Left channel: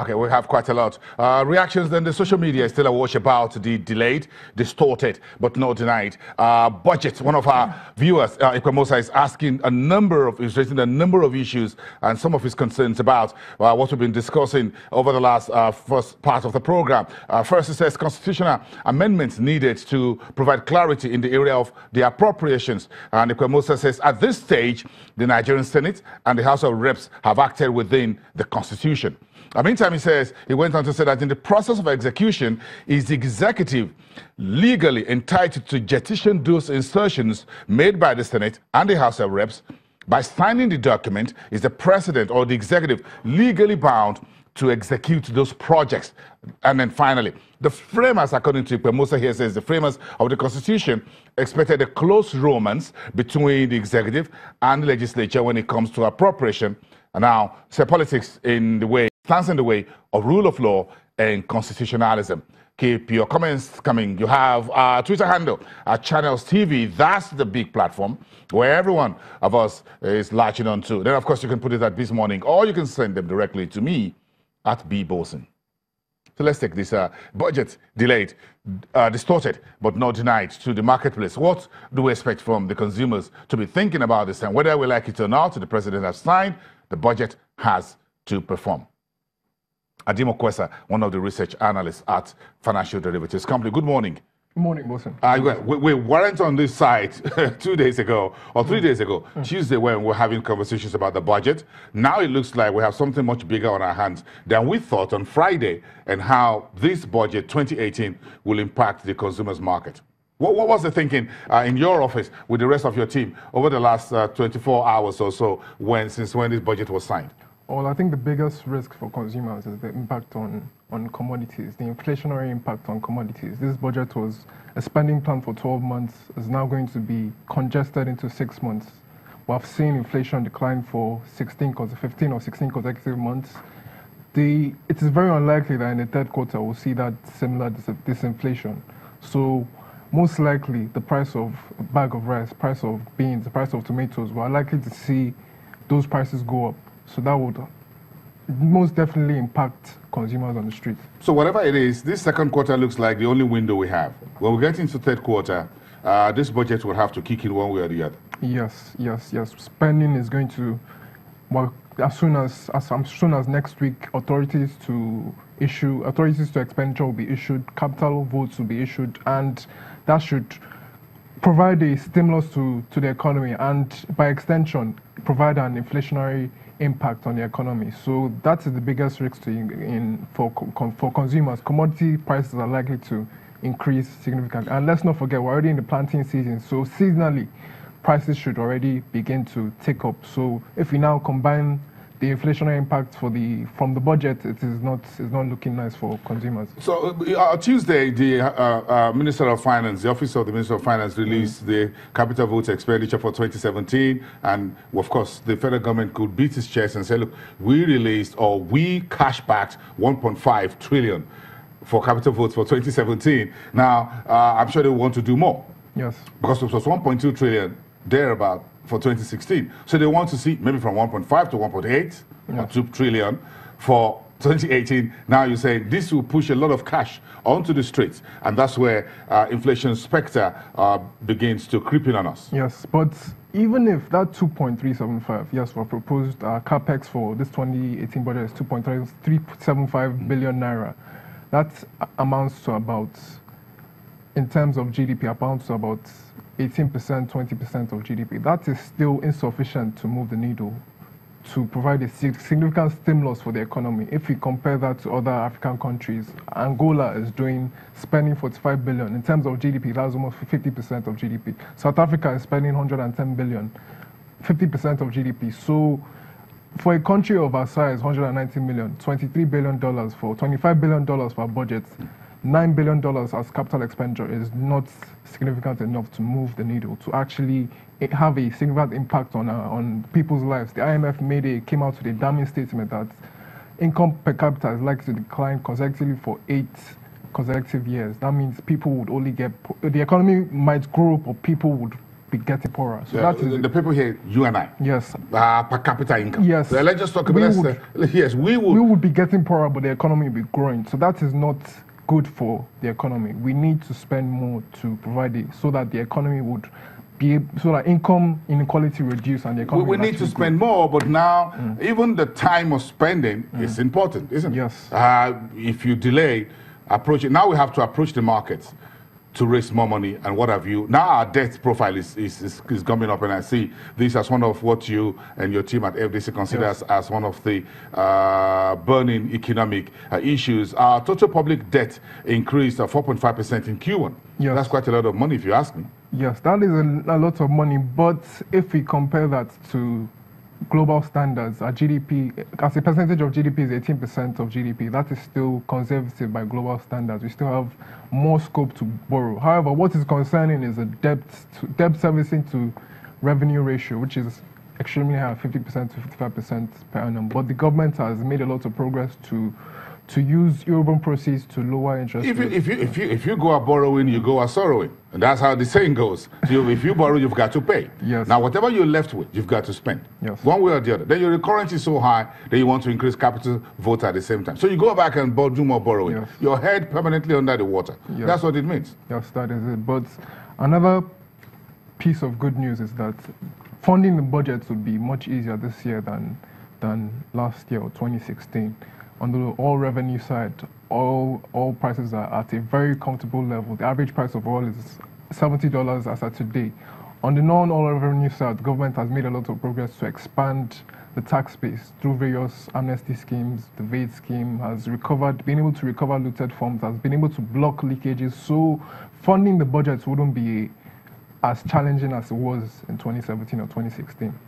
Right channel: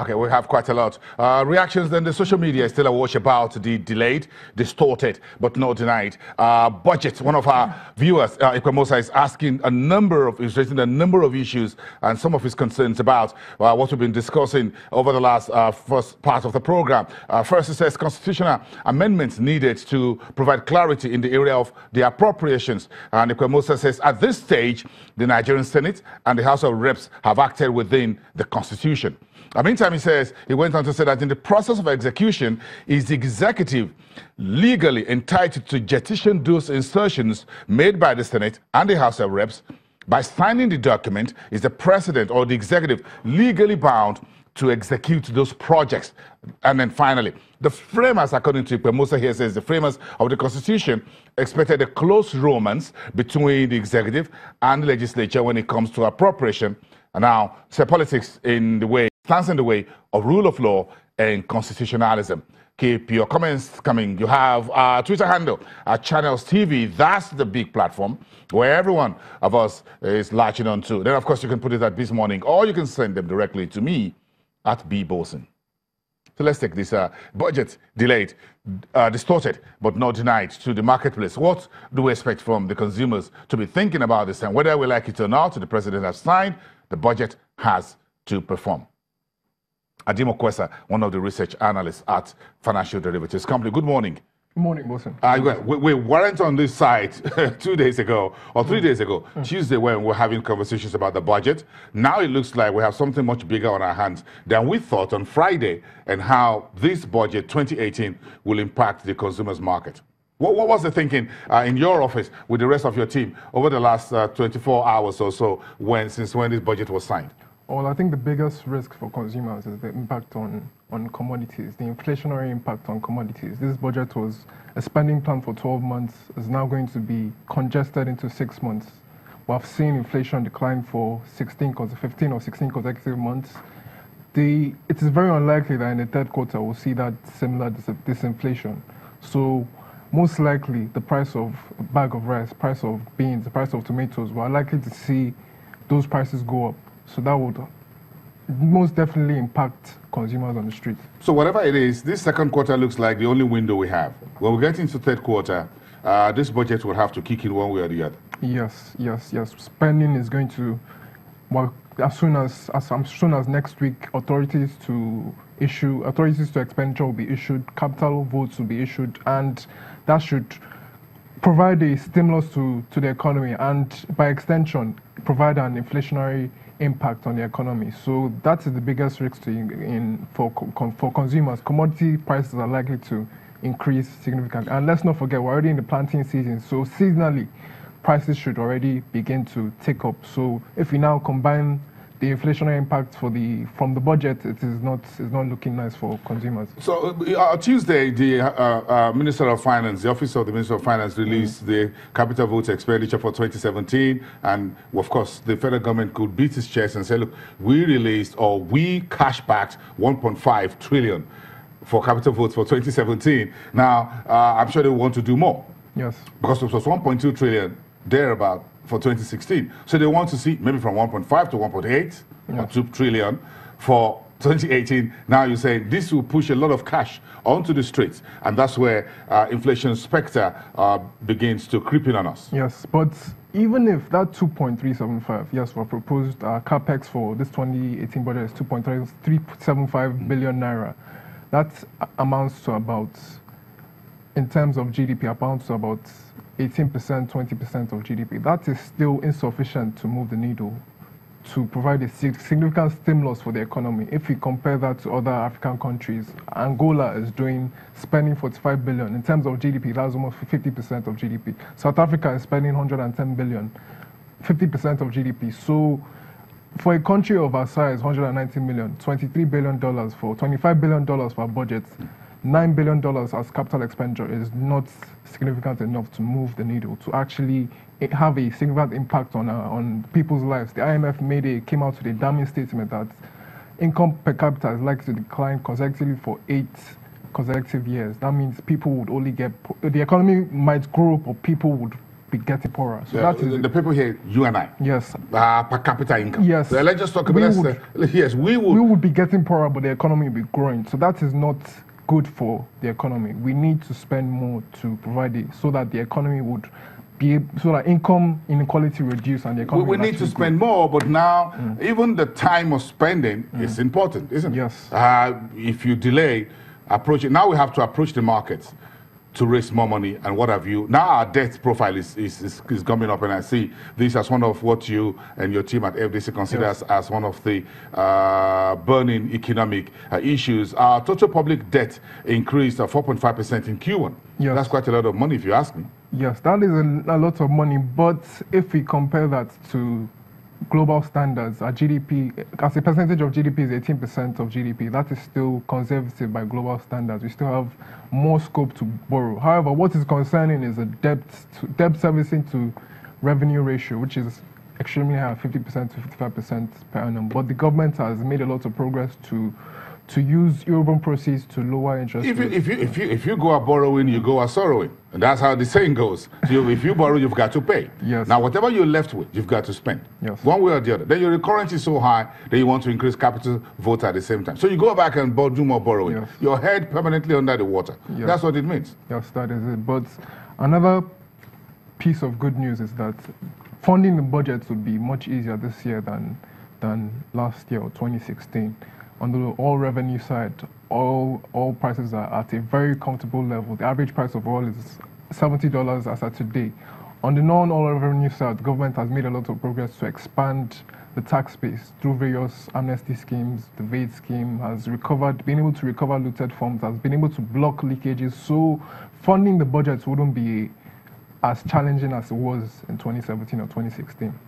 Okay, we have quite a lot. Reactions then, the social media is still awash about the delayed, distorted, but not denied budget. One of our viewers, Ikwemosa, is asking raising a number of issues and some of his concerns about what we've been discussing over the last first part of the program. First, he says constitutional amendments needed to provide clarity in the area of the appropriations. And Ikwemosa says at this stage, the Nigerian Senate and the House of Reps have acted within the Constitution. Meantime, he went on to say that in the process of execution, is the executive legally entitled to jettison those insertions made by the Senate and the House of Reps. By signing the document, is the president or the executive legally bound to execute those projects? And then finally, the framers, according to Ikwemosa here, says the framers of the Constitution expected a close romance between the executive and the legislature when it comes to appropriation. And now, politics stands in the way of rule of law and constitutionalism. Keep your comments coming. You have our Twitter handle at Channels TV. That's the big platform where everyone of us is latching on to. Then, of course, you can put it at This Morning, or you can send them directly to me at bboson. So let's take this budget delayed, distorted, but not denied to the marketplace. What do we expect from the consumers to be thinking about this time? Whether we like it or not, the president has signed, the budget has to perform. Adimo Kwesa, one of the research analysts at Financial Derivatives Company. Good morning. Good morning, Wilson. We weren't on this side 2 days ago or 3 days ago, Tuesday, when we were having conversations about the budget. Now it looks like we have something much bigger on our hands than we thought on Friday, and how this budget 2018 will impact the consumers market. What was the thinking in your office with the rest of your team over the last 24 hours or so since when this budget was signed? Well, I think the biggest risk for consumers is the impact on commodities, the inflationary impact on commodities. This budget was a spending plan for 12 months, is now going to be congested into 6 months. We have seen inflation decline for 15 or 16 consecutive months. It is very unlikely that in the third quarter we'll see that similar disinflation. So most likely the price of a bag of rice, price of beans, the price of tomatoes, we're likely to see those prices go up. So that would most definitely impact consumers on the street. So whatever it is, this second quarter looks like the only window we have. When we get into third quarter, this budget will have to kick in one way or the other. Yes. Spending is going to, well, as soon as next week, authorities to expenditure will be issued, capital votes will be issued, and that should provide a stimulus to the economy, and by extension, provide an inflationary impact on the economy. So that is the biggest risk for consumers. Commodity prices are likely to increase significantly. And let's not forget, we're already in the planting season, so seasonally, prices should already begin to tick up. So if we now combine the inflationary impact from the budget, it's not looking nice for consumers. So Tuesday, the Minister of Finance, the Office of the Minister of Finance, released the capital votes expenditure for 2017, and of course the federal government could beat its chest and say, look, we cash backed 1.5 trillion for capital votes for 2017. Now I'm sure they want to do more. Yes. Because it was 1.2 trillion thereabout for 2016. So they want to see maybe from 1.5 to 1.8 or 2 trillion for 2018. Now you say this will push a lot of cash onto the streets, and that's where inflation specter begins to creep in on us. Yes, but even if that 2.375, yes, for proposed capex for this 2018 budget is 2.375 billion naira, that amounts to about, in terms of GDP, amounts to about 18%, 20% of GDP. That is still insufficient to move the needle, to provide a significant stimulus for the economy. If we compare that to other African countries, Angola is spending 45 billion. In terms of GDP, that's almost 50% of GDP. South Africa is spending 110 billion, 50% of GDP. So for a country of our size, 190 million, $23 billion $25 billion for our budget, $9 billion as capital expenditure is not significant enough to move the needle, to actually have a significant impact on people's lives. The IMF came out with a damning statement that income per capita is likely to decline consecutively for 8 consecutive years. That means people would only the economy might grow, but people would be getting poorer. So that is the people here, you and I. Yes. Per capita income. Yes. So let's just talk about yes, we would be getting poorer, but the economy will be growing. So that is not good for the economy. We need to spend more to provide it so that the economy would so that income inequality reduce and the economy. We need to spend more, but now even the time of spending is important, isn't it? Yes. If you delay, approach it. Now we have to approach the markets to raise more money and what have you. Now our debt profile is coming up, and I see this as one of what you and your team at FDC considers as one of the burning economic issues. Our total public debt increased 4.5% in Q1. Yes. That's quite a lot of money if you ask me. Yes, that is a lot of money, but if we compare that to global standards, our GDP, as a percentage of GDP, is 18% of GDP. That is still conservative by global standards. We still have more scope to borrow. However, what is concerning is the debt servicing to revenue ratio, which is extremely high, 50% to 55% per annum. But the government has made a lot of progress to use urban proceeds to lower interest rates. If you go out borrowing, you go out sorrowing. And that's how the saying goes. So if you borrow, you've got to pay. Yes. Now, whatever you're left with, you've got to spend. Yes. One way or the other. Then your currency is so high that you want to increase capital vote at the same time. So you go back and do more borrowing. Yes. Your head permanently under the water. Yes. That's what it means. Yes, that is it. But another piece of good news is that funding the budget would be much easier this year than last year or 2016. On the all revenue side, all prices are at a very comfortable level. The average price of oil is $70 as of today. On the non-oil revenue side, the government has made a lot of progress to expand the tax base through various amnesty schemes. The VAT scheme has been able to recover looted funds, has been able to block leakages. So funding the budget wouldn't be as challenging as it was in 2017 or 2016.